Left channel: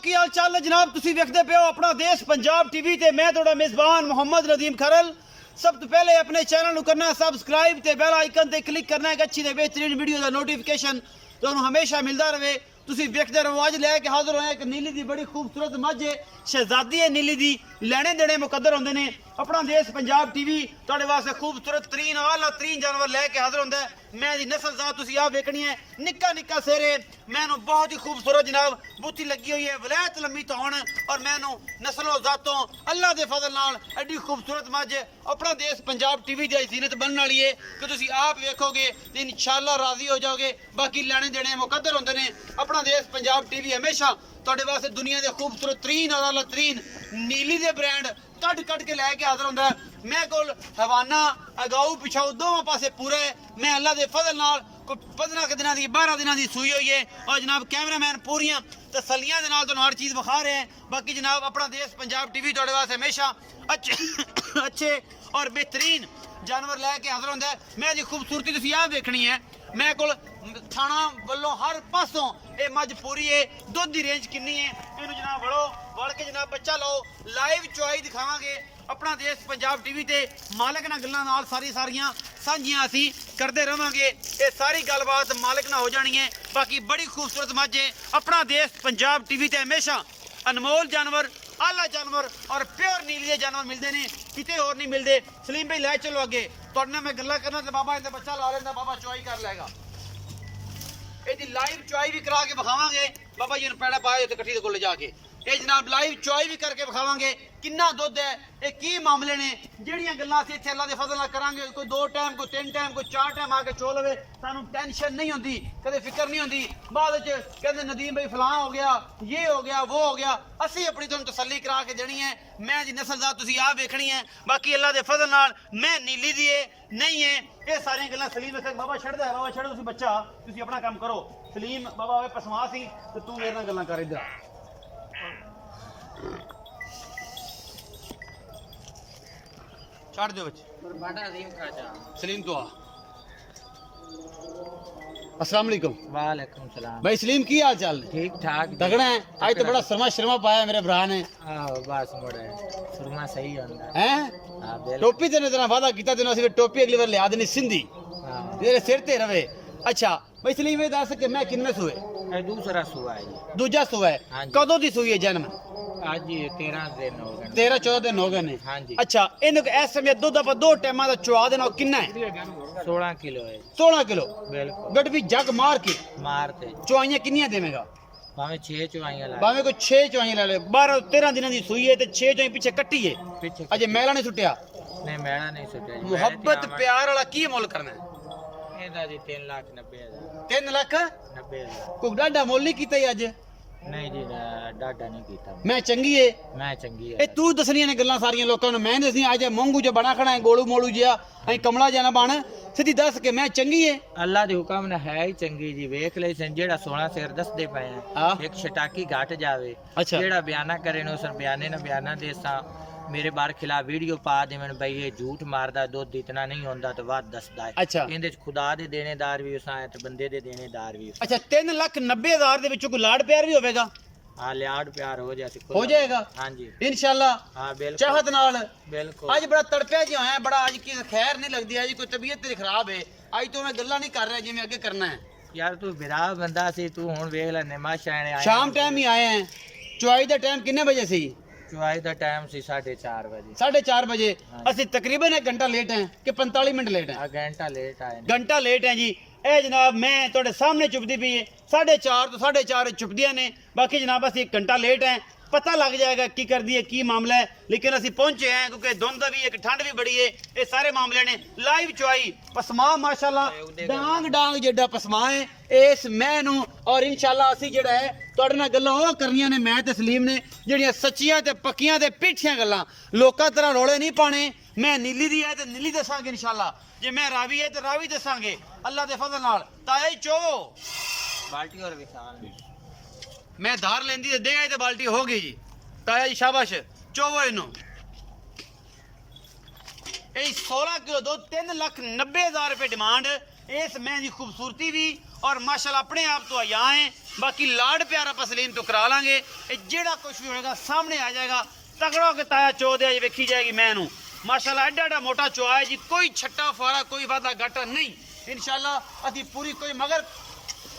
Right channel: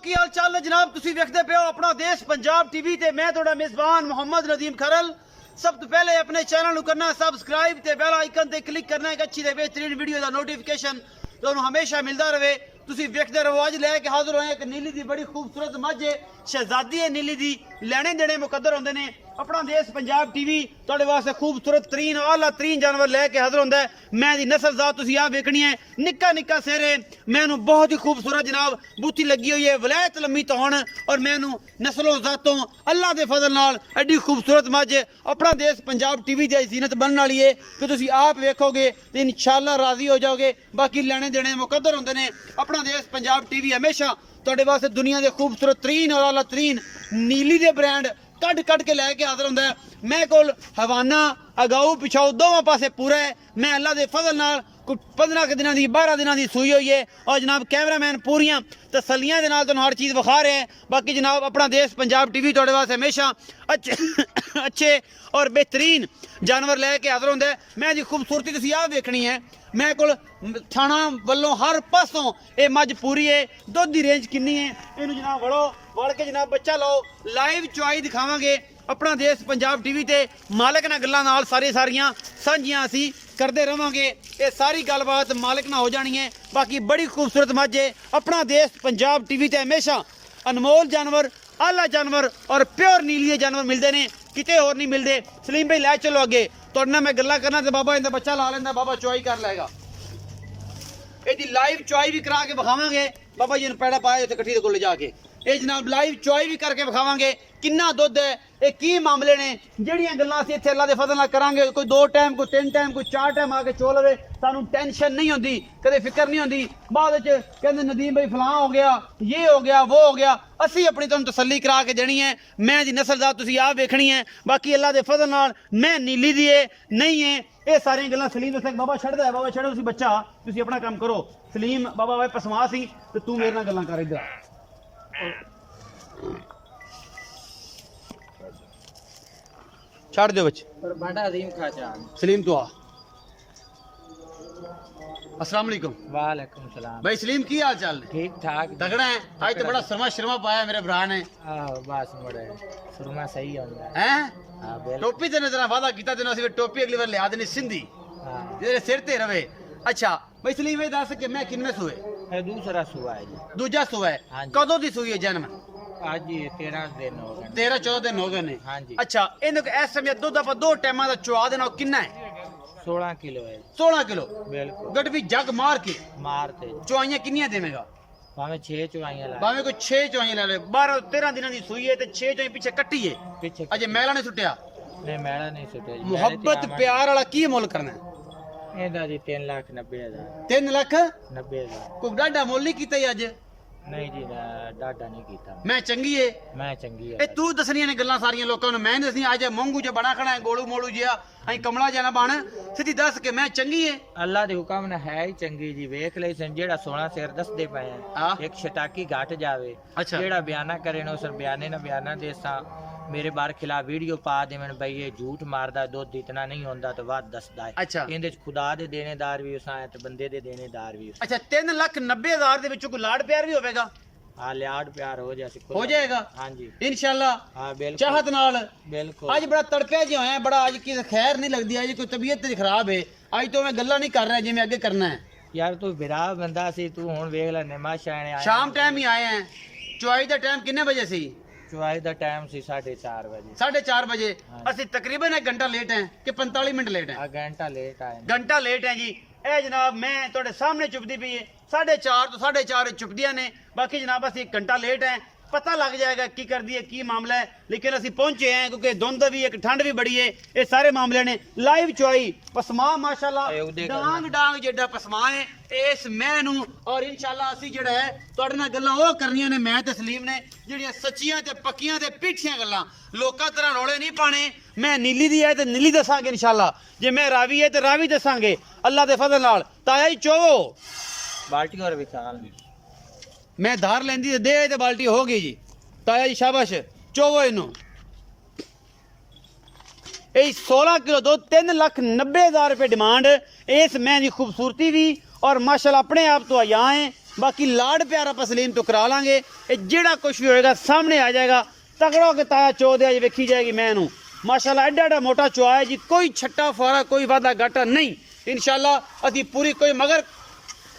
ਕੀ ਹਾਲ ਚਾਲ ਹੈ ਜਨਾਬ ਤੁਸੀਂ ਵੇਖਦੇ ਪਿਓ ਆਪਣਾ ਦੇਸ਼ ਪੰਜਾਬ ਟੀਵੀ ਤੇ ਮੈਂ ਤੁਹਾਡਾ ਮੇਜ਼ਬਾਨ ਮੁਹੰਮਦ ਨਦੀਮ ਖਰਲ सब तो पहले अपने चैनल करना सबसक्राइब ते बेल आइकन ते क्लिक करना है अच्छी ते बेहतरीन वीडियो का नोटिफिकेशन ਤੁਹਾਨੂੰ हमेशा मिलता रहे ਤੁਸੀਂ ਵੇਖਦੇ ਰਹੋ ਅੱਜ ਲੈ ਕੇ ਹਾਜ਼ਰ ਹੋਏ ਇੱਕ ਨੀਲੀ ਦੀ ਬੜੀ ਖੂਬਸੂਰਤ ਮੱਝ ਹੈ ਸ਼ਹਿਜ਼ਾਦੀ ਹੈ ਨੀਲੀ ਦੀ ਲੈਣੇ ਦੇਣੇ ਮੁਕੱਦਰ ਹੁੰਦੇ ਨੇ अपना देश पंजाब टीवी ਤੁਹਾਡੇ ਵਾਸਤੇ खूबसूरत तरीन आला तरीन जानवर लेके हाजिर होंदा है मैं दी नस्ल जात ਤੁਸੀਂ आ वेखनी है निक्का निक्का सिर है मैनू बहुत ही खूबसूरत जनाब बूथी लगी हुई है वलैत लम्मी तौण और मैनू नस्लों जातों अल्लाह के फजल नाल एडी खूबसूरत मझ अपना देश पंजाब टीवी की जीनत बनने वाली है कि तुसी आप वेखोगे तो इंशाअल्लाह राजी हो जाओगे बाकी लेने देने मुकद्दर होंदे ने अपना देश पंजाब टीवी हमेशा ਤੁਹਾਡੇ ਵਾਸਤੇ दुनिया के खूबसूरत तरीन और आला तरीन नीली के ब्रांड कट कट के लैके हाजिर होंदा है मैं कोल हवाना अगाऊ पिछाऊ दोवां पासे पूरा है मैं अल्लाह के फजल नाल 15 दिनों की 12 दिनों की सूई हुई है और जनाब कैमरामैन पूरियां तसलियां दे नाल तुहानू हर चीज़ विखा रहे हैं बाकी जनाब अपना देश पंजाब टीवी तुहाडे वास्ते हमेशा अच्छे और बेहतरीन जानवर लैके हाजिर होंदा है मैं जी खूबसूरती तुसीं आ वेखनी है मैं कोल थाना वालों हर पासों ये मझ पूरी है दुध की रेंज कितनी है इनू जनाब वड़ो वड़ के जनाब बच्चा लो लाइव चुआई दिखावांगे अपना देश पंजाब टीवी ते मालिक नाल गल्लां नाल सारियां सांझियां असीं करते रहांगे ये सारी गलबात मालिक नाल हो जानी है बाकी बड़ी खूबसूरत मझ है अपना देश पंजाब टीवी ते हमेशा अनमोल जानवर आला जानवर और प्योर नीली जानवर मिलते हैं किते होर नहीं मिलते सलीम भाई लै चलो अगे तुहाडे नाल मैं गल्लां करना ते बाबा इहदा बच्चा ला लैंदा बाबा चुआई कर लेगा ਇਹਦੀ ਲਾਈਵ ਚੁਆਈ ਵੀ ਕਰਾ ਕੇ ਵਿਖਾਵਾਂਗੇ ਬਾਬਾ ਜੀ ਨੂੰ ਪੈੜਾ ਪਾਇਆ ਇੱਥੇ ਇਕੱਠੀ ਦੇ ਕੋਲ ਜਾਕੇ ਇਹ ਜਨਾਬ ਲਾਈਵ ਚੁਆਈ ਵੀ ਕਰਕੇ ਵਿਖਾਵਾਂਗੇ ਕਿੰਨਾ ਦੁੱਧ ਹੈ ਇਹ ਕੀ ਮਾਮਲੇ ਨੇ ਜਿਹੜੀਆਂ ਗੱਲਾਂ ਅਸੀਂ ਇੱਥੇ ਅੱਲਾ ਦੇ ਫਜ਼ਲ ਨਾਲ ਕਰਾਂਗੇ ਕੋਈ 2 ਟਾਈਮ ਕੋਈ 3 ਟਾਈਮ ਕੋਈ 4 ਟਾਈਮ ਆ ਕੇ ਚੋ ਲਵੇ ਸਾਨੂੰ ਟੈਨਸ਼ਨ ਨਹੀਂ ਹੁੰਦੀ ਕਦੇ ਫਿਕਰ ਨਹੀਂ ਹੁੰਦੀ ਬਾਅਦ ਵਿੱਚ ਕਹਿੰਦੇ ਨਦੀਮ ਭਾਈ ਫਲਾਂ ਹੋ ਗਿਆ ਇਹ ਹੋ ਗਿਆ ਉਹ ਹੋ ਗਿਆ ਅਸੀਂ ਆਪਣੀ ਤੁਹਾਨੂੰ ਤਸੱਲੀ ਕਰਾ ਕੇ ਦੇਣੀ ਹੈ ਮੈਂ ਦੀ ਨਸਲ ਦਾ ਤੁਸੀਂ ਆਪ ਵੇਖਣੀ ਹੈ ਬਾਕੀ ਅੱਲਾ ਦੇ ਫਜ਼ਲ ਨਾਲ ਮੈਂ ਨੀਲੀ ਦੀ ਹੈ ਨਹੀਂ ਹੈ ਇਹ ਸਾਰੀਆਂ ਗੱਲਾਂ ਸਲੀਮ ਸਿੰਘ ਬਾਬਾ ਛੱਡਦਾ ਹੈ ਬਾਬਾ ਛੱਡੋ ਤੁਸੀਂ ਬੱਚਾ ਤੁਸੀਂ ਆਪਣਾ ਕੰਮ ਕਰੋ ਸਲੀਮ ਬਾਬਾ ਵੇ ਪਸਮਾ ਸੀ ਤੇ ਤੂੰ ਮੇਰੇ ਨਾਲ ਗੱਲਾਂ ਕਰ ਇੱਧਰ छाड़ दो बच्चे सलीम तो अस्सलाम वालेकुम वालेकुम सलाम भाई सलीम की हाल चाल ठीक ठाक तगड़ा है आज तो बड़ा शर्मा पाया मेरे भरा ने बस मुड़े सुरमा सही होंदा हैं हां बिल्कुल टोपी तेने तेरा वादा कीता तेने ਅਸੀਂ टोपी अगली बार लिया देनी सिंधी हां तेरे सिर ते रवे अच्छा भाई सलीम ये दस कि मैं किन्ने सूए ये दूसरा सुआ है जी दूजा सूआ है कदों दी सूई है जन्म आज ये 13 दिन हो गए 13-14 दिन हो गए ने हां जी अच्छा इनको इस समय दूध आप 2 टाइमां दा चुआ देना कितना है 16 किलो है 16 किलो बिल्कुल गट भी जग मार के मारते चुआइयां किन्नियां देवेगा भावे 6 चुआइयां ला भावे कोई 6 चुआइयां ले ले 12-13 दिनों दी सूई है ते 6 चुआई पीछे कट्टी है पीछे अजे मैला नहीं सुटिया नहीं मेरा नहीं सुटे मोहब्बत प्यार वाला की मुल करना है एदा जी 3,90,000 3 लाख 90,000 कोई डाडा मुल नहीं कीता अज नहीं जी डाडा नहीं कीता मैं चंगी है मैं चंगी ए है तू दसनियां ने गल्लां सारियां लोकां नूं मैं दसनी अज मूंगू च बना खड़ा है गोलू मोलू जिया अई कमला जाना बन सीधी दस के मैं चंगी है अल्लाह दे हुक्म ने है ही चंगी जी वेख ले सन जेड़ा 16 सिर दसदे पे हाँ। हैं एक छटाकी घट जावे अच्छा। जेड़ा बयाना करे नो सर बयाने ना बयाना देसा मेरे बार खिलाफ वीडियो पा देवन भाई ये झूठ मारदा दुध इतना नहीं होंदा तो बात दसदा है अच्छा। इंदे च खुदा दे देनेदार भी उसा है ते बंदे दे देनेदार भी अच्छा 3,90,000 दे विचों कोई लाड़ प्यार भी होवेगा हां लियाड़ प्यार हो जाए हो जाएगा हां जी इंशाल्लाह हां बिल्कुल चाहत नाल बिल्कुल आज बड़ा तड़पे जो है बड़ा आज की खैर नहीं लगती है कोई तबीयत तेरी खराब है आज तो मैं गल्ला नहीं कर रहा जिवें आगे करना है यार तू बिरा बंदा सी तू हुन वेख ले नमाशा ने आया शाम टाइम ही आए हैं चुआई दा टाइम कितने बजे सी चुआई दा टाइम सी 4:30 बजे 4:30 बजे हाँ। ਅਸੀਂ तकरीबन 1 घंटा लेट हैं कि 45 मिनट लेट हैं आ घंटा लेट आए ने। घंटा लेट है जी ਇਹ ਜਨਾਬ ਮੈਂ ਤੁਹਾਡੇ ਸਾਹਮਣੇ ਚੁੱਪਦੀ ਪਈ ਹੈ 4:30 ਤੋਂ 4:30 ਚੁੱਪਦੀਆਂ ਨੇ ਬਾਕੀ ਜਨਾਬ ਅਸੀਂ 1 ਘੰਟਾ ਲੇਟ ਹੈ पता लग जाएगा की कर दी है की मामला है लेकिन असं पहुंचे हैं क्योंकि धुंध भी एक ठंड भी बड़ी है ये सारे मामले ने लाइव चुआई पसमा माशाल्लाह डांग डांग जेडा पसमा है इस मैनू और इंशाल्लाह असी जेड़ा है तुहाडे नाल गल्लां ओह करनियां ने मैं ते सलीम ने जेड़ियां सच्चियां ते पक्कियां ते पीठियां गल्लां लोकां तरह रोले नहीं पाने मैं नीली दी है ते नीली दसांगे इंशाल्लाह जे मैं रावी है ते रावी दसांगे अल्लाह दे फजल नाल ताया ही चो बाल्टी और विशाल मैं धार लेंदी ते दे ते बाल्टी हो गई जी ताया जी शाबाश चोवो इनू ये 16 किलो दो 3,90,000 रुपये डिमांड इस मैं की खूबसूरती भी और माशाल्लाह अपने आप तो आया है बाकी लाड प्यार आप सलीम तो करा लांगे। ये जेड़ा कुछ भी होएगा सामने आ जाएगा। तगड़ा के ताया चो दे वेखी जाएगी मैनू माशाल्लाह एडा एडा मोटा चो है जी, कोई छट्टा फारा कोई वादा घाटा नहीं इंशाल्लाह। अभी पूरी कोई मगर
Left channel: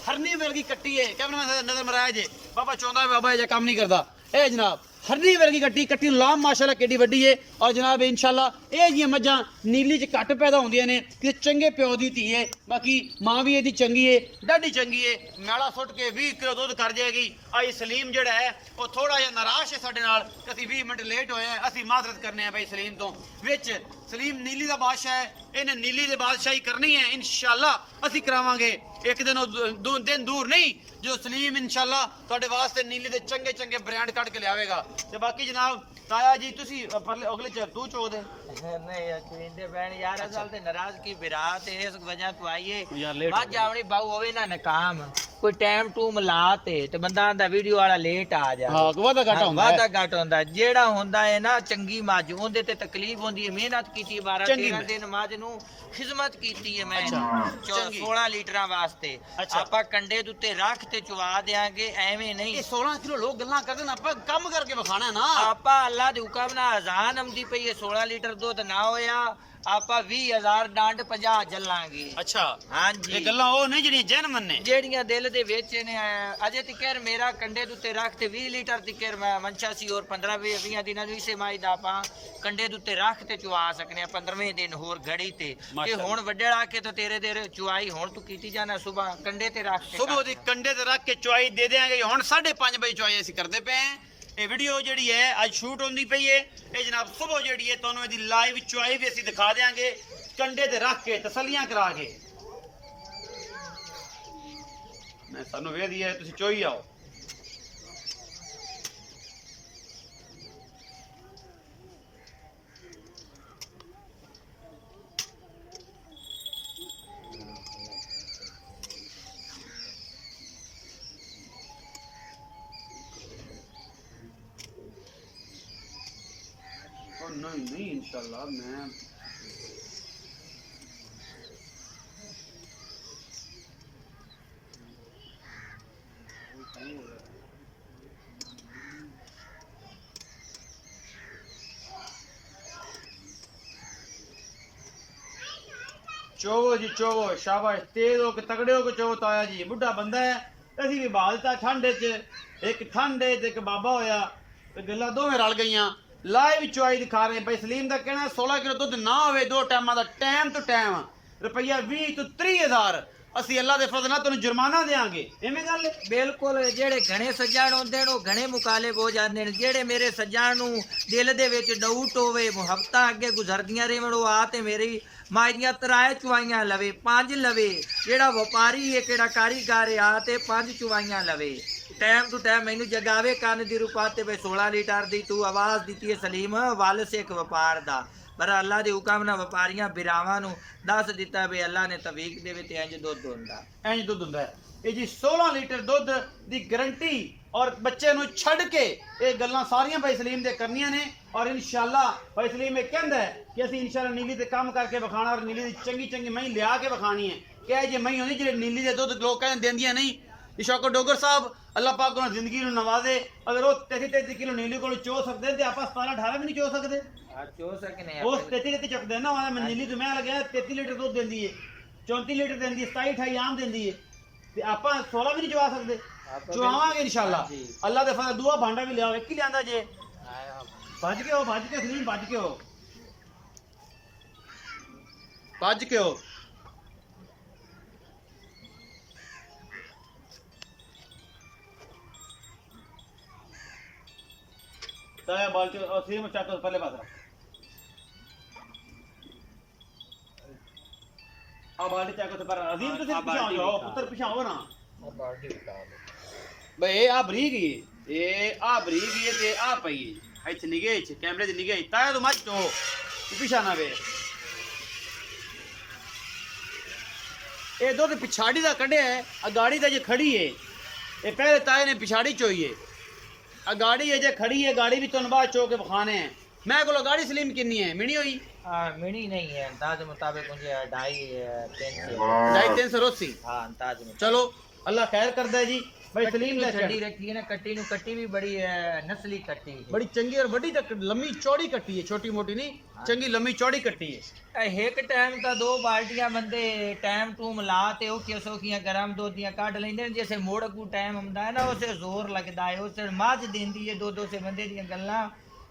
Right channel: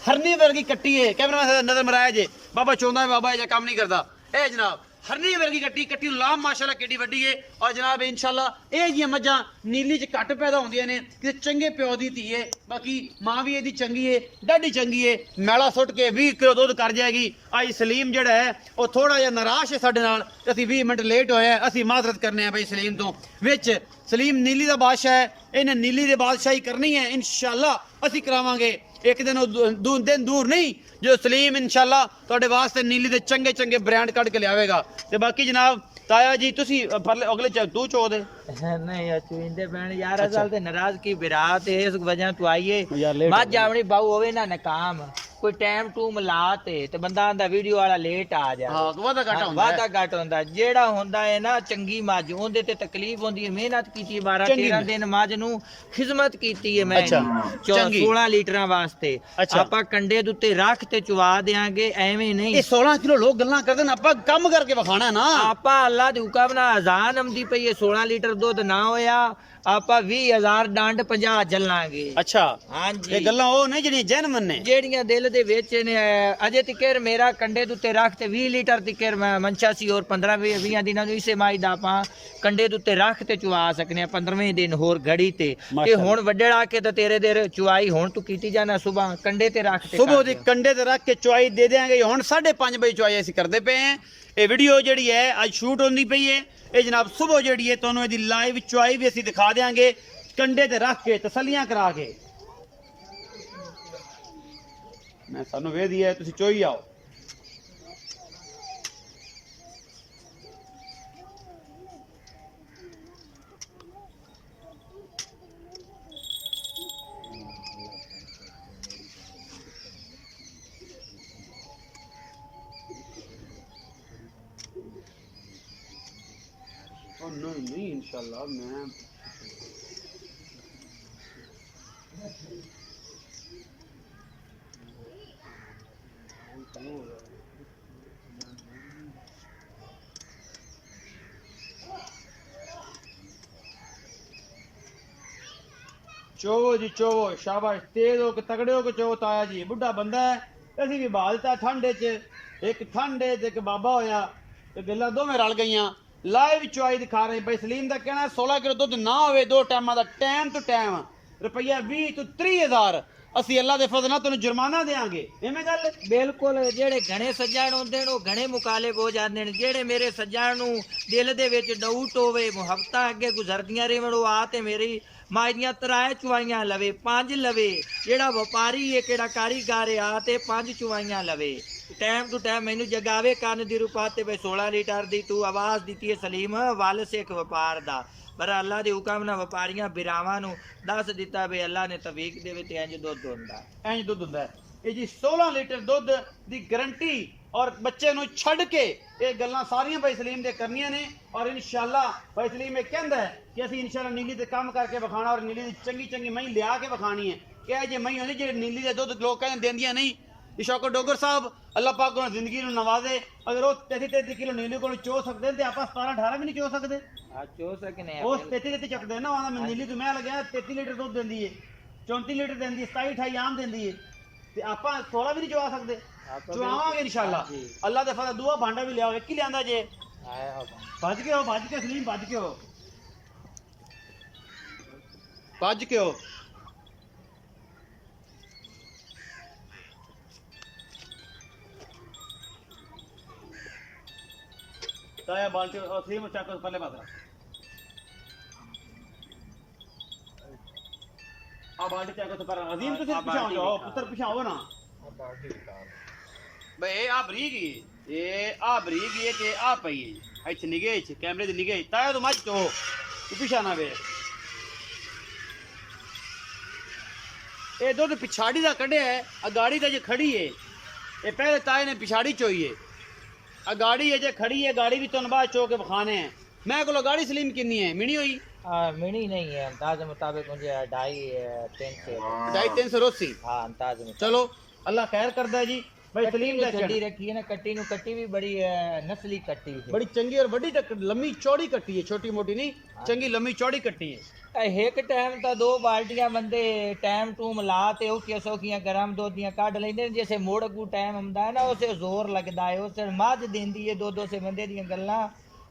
हरनी वर्गी कट्टी है, कैमरा नजर मराया जे बाबा चौंदा बाबा ये काम नहीं करता। ए जनाब हरनी वर्गी कट्टी कट्टी लाम माशाल्लाह केडी वड्डी है। और जनाब इंशाल्लाह ये जी मज्जां नीली च घट पैदा होंदियां ने कि चंगे प्यो दी धी है। बाकी मां भी ਇਹਦੀ चंगी है, डाडी चंगी है। मैला सुट के 20 किलो दुध कर जाएगी। आई सलीम जड़ा है वो थोड़ा जिहा नाराज है साडे नाल, ਅਸੀਂ 20 मिनट लेट होए हैं, ਅਸੀਂ माजरत करने हैं भाई सलीम तो। विच सलीम नीली दा बादशाह है, इन्हें नीली दे बादशाही करनी है इंशाल्लाह ਅਸੀਂ ਕਰਾਵਾਂਗੇ। एक दिन दिन दूर नहीं जो सलीम इंशाल्लाह ਤੁਹਾਡੇ ਵਾਸਤੇ नीली ਦੇ ਚੰਗੇ ਚੰਗੇ ਬ੍ਰਾਂਡ ਕੱਢ ਕੇ ਲਿਆਵੇਗਾ। ਤੇ ਬਾਕੀ ਜਨਾਬ ਤਾਇਆ ਜੀ ਤੁਸੀਂ ਅਗਲੇ ਤੂੰ ਚੋ ਦੇ नहीं चुइंदे बहन यार असल ते नाराज की बिरात है इस वजह तो आइए मत जावनी बाऊ होवे ना नाकाम कोई टाइम टूम लाते ते बंदा आंदा वीडियो वाला लेट आ जा। हां वादा घट होंदा जेड़ा होंदा है ना चंगी मझ ओंदे ते तकलीफ होंदी है। मेहनत कीती 12-13 दिन मझ नु खिदमत कीती है मैं 16 लीटरां वास्ते। आपा कंडे दे उत्ते रख ते चुवा देंगे एवें नहीं। ये 16 किलो लोग गल्लां करदे ना, आपा काम करके विखाना ना। आपा अल्लाह दे हुक्म नाल अजान आंदी पई है 16 लीटर दुध ना होया आपा 20,000 डंड 50 जलांगे। अच्छा हां जी ये गल्लां ओ ने जेड़ियां जन्म ने जेड़ियां दिल दे विच ने। अजे तिकर मेरा कंडे दुते रख ते 20 लीटर तिकर मंशा सी और 15-20 दिनां नु इसे माई दा आपा कंडे दुते रख ते चुवा सकने 15वें दिन होर घड़ी ते कि हुन वड्डेड़ा के ते तेरे देर चुवाई हुन तू कीती जाना सुबह कंडे ते रख ते सुबह दी कंडे ते रख के चुवाई दे देंगे। हुन 5:30 बजे चुवाई ਅਸੀਂ ਕਰਦੇ ਪਏ हैं। ਇਹ ਵੀਡੀਓ ਜਿਹੜੀ ਹੈ ਅੱਜ ਸ਼ੂਟ ਹੁੰਦੀ ਪਈ ਹੈ। ਇਹ ਜਨਾਬ ਸਵੇਰ ਜਿਹੜੀ ਹੈ ਤੁਹਾਨੂੰ ਇਹਦੀ ਲਾਈਵ ਚੁਆਈ ਵੀ ਅਸੀਂ ਦਿਖਾ ਦੇਾਂਗੇ ਕੰਡੇ ਤੇ ਰੱਖ ਕੇ ਤਸੱਲੀਆਂ ਕਰਾ ਕੇ। ਮੈਂ ਸਾਨੂੰ ਵੇਦੀ ਹੈ ਤੁਸੀਂ ਚੋਈ ਆਓ। नहीं इंशाल्लाह मैं चोवो जी चोवो शाबाश तेज हो के तगड़े हो के चोवो ताया जी बुढ़ा बंदा है असी भी बालता ठंड च एक ठंड एक बाबा होया ते गल्लां दोवें रल गईयां। लाइव चुआई दिखा रहे भाई सलीम का कहना 16 किलो दुध ना होवे 2 टाइम का टाइम टू टाइम रुपया 20 तो 30,000 ਅਸੀਂ ਅੱਲਾ ਦੇ ਫਜ਼ਲ ਨਾਲ ਤੁਹਾਨੂੰ ਜੁਰਮਾਨਾ ਦੇਾਂਗੇ। ਐਵੇਂ ਗੱਲ ਬਿਲਕੁਲ ਜਿਹੜੇ ਘਣੇ ਸੱਜਣ ਹੁੰਦੇ ਨੇ ਉਹ ਘਣੇ ਮੁਕਾਲਬ ਹੋ ਜਾਂਦੇ ਨੇ। ਜਿਹੜੇ ਮੇਰੇ ਸੱਜਣ ਨੂੰ ਦਿਲ ਦੇ ਵਿੱਚ ਡਾਊਟ ਹੋਵੇ ਮੁਹੱਬਤਾਂ ਅੱਗੇ ਗੁਜ਼ਰਦੀਆਂ ਰਹਿਣ ਉਹ ਆ ਤੇ ਮੇਰੀ ਮਾਈਆਂ ਤਰਾਏ ਚੁਵਾਈਆਂ ਲਵੇ 5 ਲਵੇ। ਜਿਹੜਾ ਵਪਾਰੀ ਹੈ ਕਿਹੜਾ ਕਾਰੀਗਰ ਆ ਤੇ 5 ਚੁਵਾਈਆਂ ਲਵੇ ਟਾਈਮ ਟੂ ਟਾਈਮ ਮੈਨੂੰ ਜਗਾਵੇ ਕੰਨ ਦੀ ਰੁਪਾ ਤੇ ਬਈ 16 ਲੀਟਰ ਦੀ ਤੂੰ ਆਵਾਜ਼ ਦਿੱਤੀ ਹੈ ਸਲੀਮ ਵੱਲ ਸੇ ਇੱਕ ਵਪਾਰ ਦਾ ਪਰ ਅੱਲਾ ਦੇ ਹੁਕਮ ਨਾਲ ਵਪਾਰੀਆਂ ਬਿਰਾਵਾਂ ਨੂੰ ਦੱਸ ਦਿੱਤਾ ਵੀ ਅੱਲਾ ਨੇ ਤਵੀਕ ਦੇਵੇ ਤੇ ਇੰਜ ਦੁੱਧ ਹੁੰਦਾ ਇੰਜ ਦੁੱਧ ਹੁੰਦਾ। ਇਹ ਜੀ 16 ਲੀਟਰ ਦੁੱਧ ਦੀ ਗਰੰਟੀ ਔਰ ਬੱਚੇ ਨੂੰ ਛੱਡ ਕੇ ਇਹ ਗੱਲਾਂ ਸਾਰੀਆਂ ਭਾਈ ਸਲੀਮ ਦੇ ਕਰਨੀਆਂ ਨੇ। ਔਰ ਇਨਸ਼ਾਅੱਲਾ ਭਾਈ ਸਲੀਮ ਇਹ ਕਹਿੰਦਾ ਹੈ ਕਿ ਅਸੀਂ ਇਨਸ਼ਾਅੱਲਾ ਨੀਲੀ ਤੇ ਕੰਮ ਕਰਕੇ ਵਿਖਾਣਾ ਔਰ ਨੀਲੀ ਦੀ ਚੰਗੀ ਚੰਗੀ ਮਹੀਂ ਲਿਆ ਕੇ ਵਿਖਾਣੀ ਹੈ ਕਿ ਇਹ ਜੇ ਮਹੀਂ ਹੁੰਦੀ ਜਿਹੜੇ ਨੀਲੀ ਦੇ ਦੁੱਧ ਲੋਕ ਕਹਿੰਦੇ ਦਿੰਦੀਆਂ ਨਹੀਂ। इशाको डोगर साहब अल्लाह पाक को जिंदगी ਨੂੰ नवाजे अगर वो 33 किलो नीली को चो सकते हैं तो आप 17-18 भी नहीं चो सकते। चो सकने उस 33 चकते ना मैं नीली तो मैं लगे 33 लीटर दूध देंदी है 34 लीटर देंदी है 27-28 आम देंदी है ते आप 16 भी नहीं चुवा सकते। चुवावांगे इंशाल्लाह अल्लाह दे फजल दूआ भांडा भी लियाओ एक ही लियांदा जे भज के सलीम भज के हो ताया बाल्टी सेम चाको पहले पास रख आ बाल्टी चाको से पर अजीम तो सिर्फ पीछे आओ पुत्र पीछे आओ ना बाल्टी निकाल बे आ बरीक ही ए आ बरीक ही ते आ पई है इथे निगे इथे कैमरे दी निगे ताया तो मत हो तू पीछे ना वे ए दो ते पिछाड़ी दा कढया है आ गाड़ी दा जे खड़ी है ए पहले ताए ने पिछाड़ी चोई है गाड़ी है जे खड़ी है गाड़ी भी तुम बाद चो के बखाने हैं। मैं को गाड़ी सलीम कितनी है मिनी हुई मिनी नहीं है अंदाज मुताबिक मुझे 2.5-3 80 हां अंदाज में। चलो अल्लाह खैर करदा है जी भाई सलीम दा छड़ी रखी है ना कट्टी नु, कट्टी भी बड़ी नस्ली कट्टी है, बड़ी चंगी और बड़ी तक लंबी चौड़ी कट्टी है, छोटी मोटी नहीं, चंगी लंबी चौड़ी कट्टी है। एक टाइम ਤਾਂ 2 ਬਾਲਟੀਆਂ ਬੰਦੇ ਟਾਈਮ ਟੂਮ ਲਾ ਤੇ ਔਖੀਆਂ ਸੌਖੀਆਂ ਗਰਮ ਦੁੱਧ ਦੀਆਂ ਕੱਢ ਲੈਂਦੇ ਨੇ। ਜਿਵੇਂ ਮੋੜ ਕੋ ਟਾਈਮ ਹੁੰਦਾ ਹੈ ਨਾ ਉਸੇ ਜ਼ੋਰ ਲੱਗਦਾ ਹੈ, ਉਸੇ ਮੱਝ ਦਿੰਦੀ ਹੈ ਦੁੱਧ, ਉਸੇ ਬੰਦੇ ਦੀਆਂ ਗੱਲਾਂ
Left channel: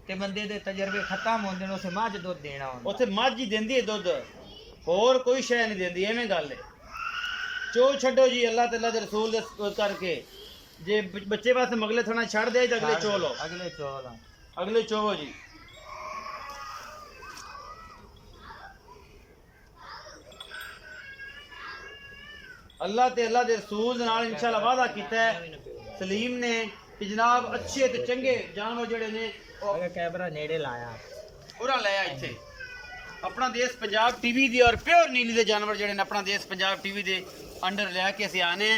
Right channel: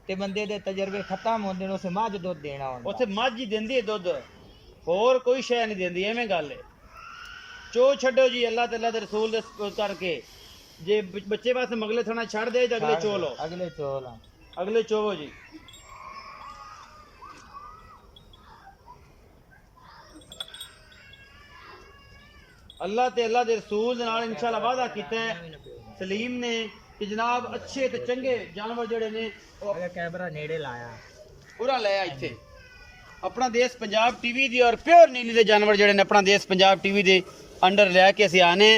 ਤੇ ਬੰਦੇ ਦੇ ਤਜਰਬੇ ਖਤਮ ਹੁੰਦੇ ਨੇ, ਉਸੇ ਮੱਝ ਦੁੱਧ ਦੇਣਾ ਹੁੰਦਾ, ਉੱਥੇ ਮੱਝ ਹੀ ਦਿੰਦੀ ਹੈ ਦੁੱਧ, ਹੋਰ ਕੋਈ ਸ਼ੈ ਨਹੀਂ ਦਿੰਦੀ, ਐਵੇਂ ਗੱਲ ਹੈ। ਚੋ ਛੱਡੋ ਜੀ ਅੱਲਾਹ ਤੇ ਅੱਲਾਹ ਦੇ ਰਸੂਲ ਦੇ ਕਰਕੇ, ਜੇ ਬੱਚੇ ਵਾਸਤੇ ਮਗਲੇ ਥਣਾ ਛੱਡ ਦੇ ਤੇ ਅਗਲੇ ਚੋ ਲਓ, ਅਗਲੇ ਚੋਲ ਅਗਲੇ ਚੋਵੋ ਜੀ। ਅੱਲਾਹ ਤੇ ਅੱਲਾਹ ਦੇ ਰਸੂਲ ਦੇ ਨਾਲ ਇਨਸ਼ਾਅੱਲਾ ਵਾਅਦਾ ਕੀਤਾ ਹੈ ਸਲੀਮ ਨੇ ਕਿ ਜਨਾਬ ਅੱਛੇ ਤੇ ਚੰਗੇ ਜਾਨਵਰ ਜਿਹੜੇ ਨੇ ਉਹ ਕੈਮਰਾ ਨੇੜੇ ਲਾਇਆ ਪੂਰਾ ਲੈ ਆ ਇੱਥੇ। ਆਪਣਾ ਦੇਸ਼ ਪੰਜਾਬ ਟੀਵੀ ਦੀ ਔਰ ਪਿਓਰ ਨੀਲੀ ਦੇ ਜਾਨਵਰ ਜਿਹੜੇ ਨੇ ਆਪਣਾ ਦੇਸ਼ ਪੰਜਾਬ ਟੀਵੀ ਦੇ ਅੰਡਰ ਲੈ ਕੇ ਅਸੀਂ ਆਨੇ।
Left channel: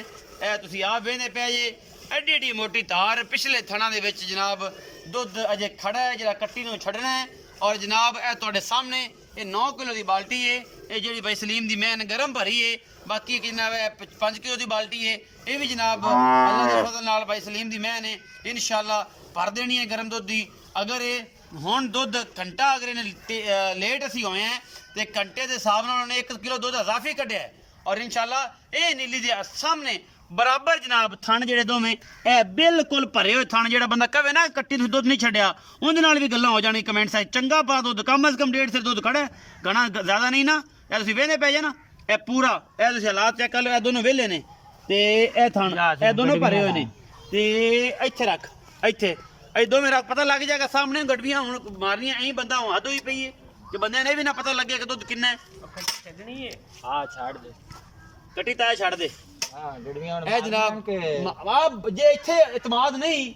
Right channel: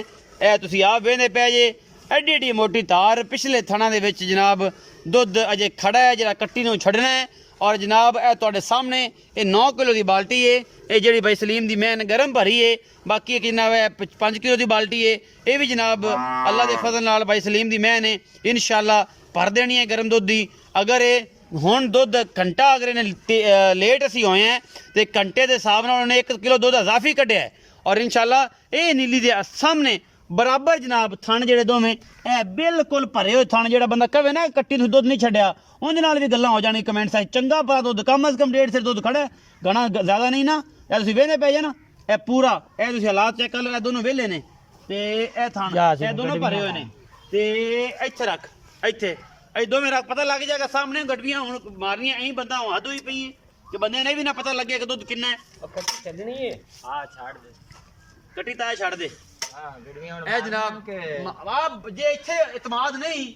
ਇਹ ਤੁਸੀਂ ਆਪ ਵੇਖਦੇ ਪਏ ਜੇ, ਐਡੀ ਐਡੀ ਮੋਟੀ ਤਾਰ, ਪਿਛਲੇ ਥਣਾ ਦੇ ਵਿੱਚ ਜਨਾਬ ਦੁੱਧ ਅਜੇ ਖੜਾ ਹੈ, ਜਿਹੜਾ ਕੱਟੀ ਨੂੰ ਛੱਡਣਾ ਹੈ। ਔਰ ਜਨਾਬ ਇਹ ਤੁਹਾਡੇ ਸਾਹਮਣੇ ਇਹ 9 ਕਿਲੋ ਦੀ ਬਾਲਟੀ ਹੈ, ਇਹ ਜਿਹੜੀ ਬਾਈ ਸਲੀਮ ਦੀ ਮੈਨ ਗਰਮ ਭਰੀ ਹੈ। ਬਾਕੀ ਜਨਾਬ 5 ਕਿਲੋ ਦੀ ਬਾਲਟੀ ਹੈ, ਇਹ ਵੀ ਜਨਾਬ ਅੱਲਾ ਦੇ ਫਜ਼ਲ ਨਾਲ ਬਾਈ ਸਲੀਮ ਦੀ ਮੈਨ ਹੈ, ਇਨਸ਼ਾਅੱਲਾ ਭਰ ਦੇਣੀ ਹੈ ਗਰਮ ਦੁੱਧ ਦੀ। ਅਗਰ ਇਹ ਹੁਣ ਦੁੱਧ ਘੰਟਾ ਅਗਰ ਇਹਨੇ ਲੇਟ ਅਸੀਂ ਹੋਏ ਹਾਂ ਤੇ ਘੰਟੇ ਦੇ ਹਿਸਾਬ ਨਾਲ ਉਹਨੇ 1 ਕਿਲੋ ਦੁੱਧ ਅਜ਼ਾਫੀ ਕੱਢਿਆ ਹੈ। ਔਰ ਇਨਸ਼ਾਅੱਲਾ ਇਹ ਨੀਲੀ ਦੇ ਸਾਹਮਣੇ ਬਰਾਬਰ ਜਨਾਬ ਥਣ ਜਿਹੜੇ ਦੋਵੇਂ ਇਹ ਬਿਲਕੁਲ ਭਰੇ ਹੋਏ ਥਣ, ਜਿਹੜਾ ਬੰਦਾ ਕਹੇ ਨਾ ਕੱਟੀ ਨੂੰ ਦੁੱਧ ਨਹੀਂ ਛੱਡਿਆ ਉਹਦੇ ਨਾਲ ਵੀ ਗੱਲਾਂ ਹੋ ਜਾਣੀ ਕਮੈਂਟ ਸਾਈਡ। ਚੰਗਾ ਪਾ ਦੁੱਧ ਕਮ ਅਜ਼ ਕਮ 1.5 ਸਿਰ ਦੁੱਧ ਖੜਾ, ਗਣਾ ਜ਼ਿਆਦਾ ਨਹੀਂ ਨਾ। ਇਹ ਤੁਸੀਂ ਵੇਹਨੇ ਪੈ ਜਾ ਨਾ, ਇਹ ਪੂਰਾ ਇਹ ਤੁਸੀਂ ਹਾਲਾਤ ਚੈੱਕ ਕਰ ਲਓ, ਇਹ ਦੋਨੋਂ ਵਿਹਲੇ ਨੇ ਤੇ ਇਹ ਥਣ ਇਹ ਦੋਨੋਂ ਭਰੇ ਹੋਏ ਨੇ। ਤੇ ਇੱਥੇ ਰੱਖ, ਇੱਥੇ ਇਹ ਦੋਵੇਂ ਰੱਖ, ਪਤਾ ਲੱਗ ਜਾਏਗਾ ਸਾਹਮਣੇ ਗੜਵੀਆਂ ਹੁਣ ਮਾਰਨੀਆਂ ਐਂ ਬੰਦਾ ਹੱਦ ਹੋਈ ਪਈ ਹੈ ਕਿ ਬੰਦੇ ਨੇ ਵੀ ਨਾ ਪਤਾ ਲੱਗਿਆ ਕਿ ਦੁੱਧ ਕਿੰਨਾ ਹੈ। ਕੱਟੀ ਛੱਡਣੀ ਹੈ, ਹਾਂ ਛੱਡ ਦੇ, ਕੱਟੀ ਤਾਂ ਛੱਡ ਦੇ। ਹਾਂ ਗੜੀਆਂ ਹੁਣ ਇਹ ਜਨਾਬ ਵਾਹ, ਜੇ ਇੱਥੇ ਇਤਮਾਦ ਨਹੀਂ,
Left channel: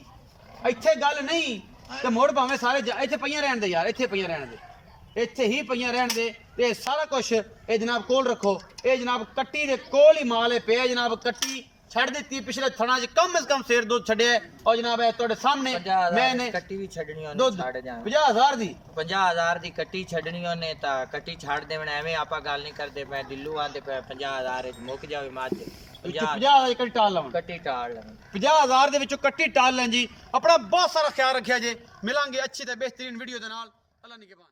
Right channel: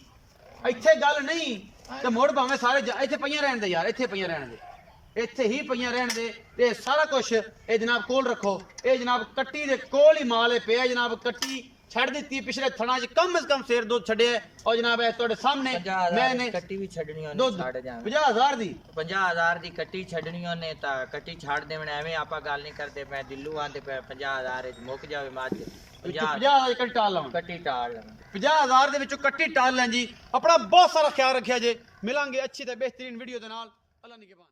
ਇੱਥੇ ਗੱਲ ਨਹੀਂ ਤੇ ਮੋੜ ਭਾਵੇਂ ਸਾਰੇ ਇੱਥੇ ਪਈਆਂ ਰਹਿਣ ਦੇ ਯਾਰ, ਇੱਥੇ ਪਈਆਂ ਰਹਿਣ ਦੇ, ਇੱਥੇ ਹੀ ਪਈਆਂ ਰਹਿਣ ਦੇ। ਤੇ ਸਾਰਾ ਕੁਝ ਇਹ ਜਨਾਬ ਕੋਲ ਰੱਖੋ। ਇਹ ਜਨਾਬ ਕੱਟੀ ਦੇ ਕੋਲ ਹੀ ਮਾਲ ਪਿਆ ਜਨਾਬ, ਕੱਟੀ ਛੱਡ ਦਿੱਤੀ ਪਿਛਲੇ ਥਣਾ 'ਚ ਕਮ ਸੇ ਕਮ ਸਿਰ ਦੁੱਧ ਛੱਡਿਆ। ਔਰ ਜਨਾਬ ਇਹ ਤੁਹਾਡੇ ਸਾਹਮਣੇ ਮੈਨੇ ਕੱਟੀ ਵੀ ਛੱਡਣੀ ਉਹਨੇ, ਦੁੱਧ ਛੱਡ ਜਾਣਾ 50,000 ਦੀ, 50,000 ਦੀ ਕੱਟੀ ਛੱਡਣੀ ਉਹਨੇ ਤਾਂ ਕੱਟੀ ਛੱਡ ਦੇਵਣਾ। ਐਵੇਂ ਆਪਾਂ ਗੱਲ ਨਹੀਂ ਕਰਦੇ ਪਏ, ਦਿੱਲੂ ਆਂਦੇ ਪਏ 50,000 ਵਿੱਚ ਮੁੱਕ ਜਾਵੇ ਮੱਝ, 50,000 ਦੀ ਕੱਟੀ ਟਾਲ ਲਵਾਂ, ਕੱਟੀ ਟਾਲ ਲਵਾਂ। 50,000 ਦੇ ਵਿੱਚੋਂ ਕੱਟੀ ਟਾਲ ਲੈਂ ਜੀ। ਆਪਣਾ ਬਹੁਤ ਸਾਰਾ ਖਿਆਲ ਰੱਖਿਆ ਜੇ। ਮਿਲਾਂਗੇ ਅੱਛੀ ਤੇ ਬਿਹਤਰੀਨ ਵੀਡੀਓ ਦੇ ਨਾਲ। ਅੱਲਾ ਨਿਗਹਿਬਾਨ।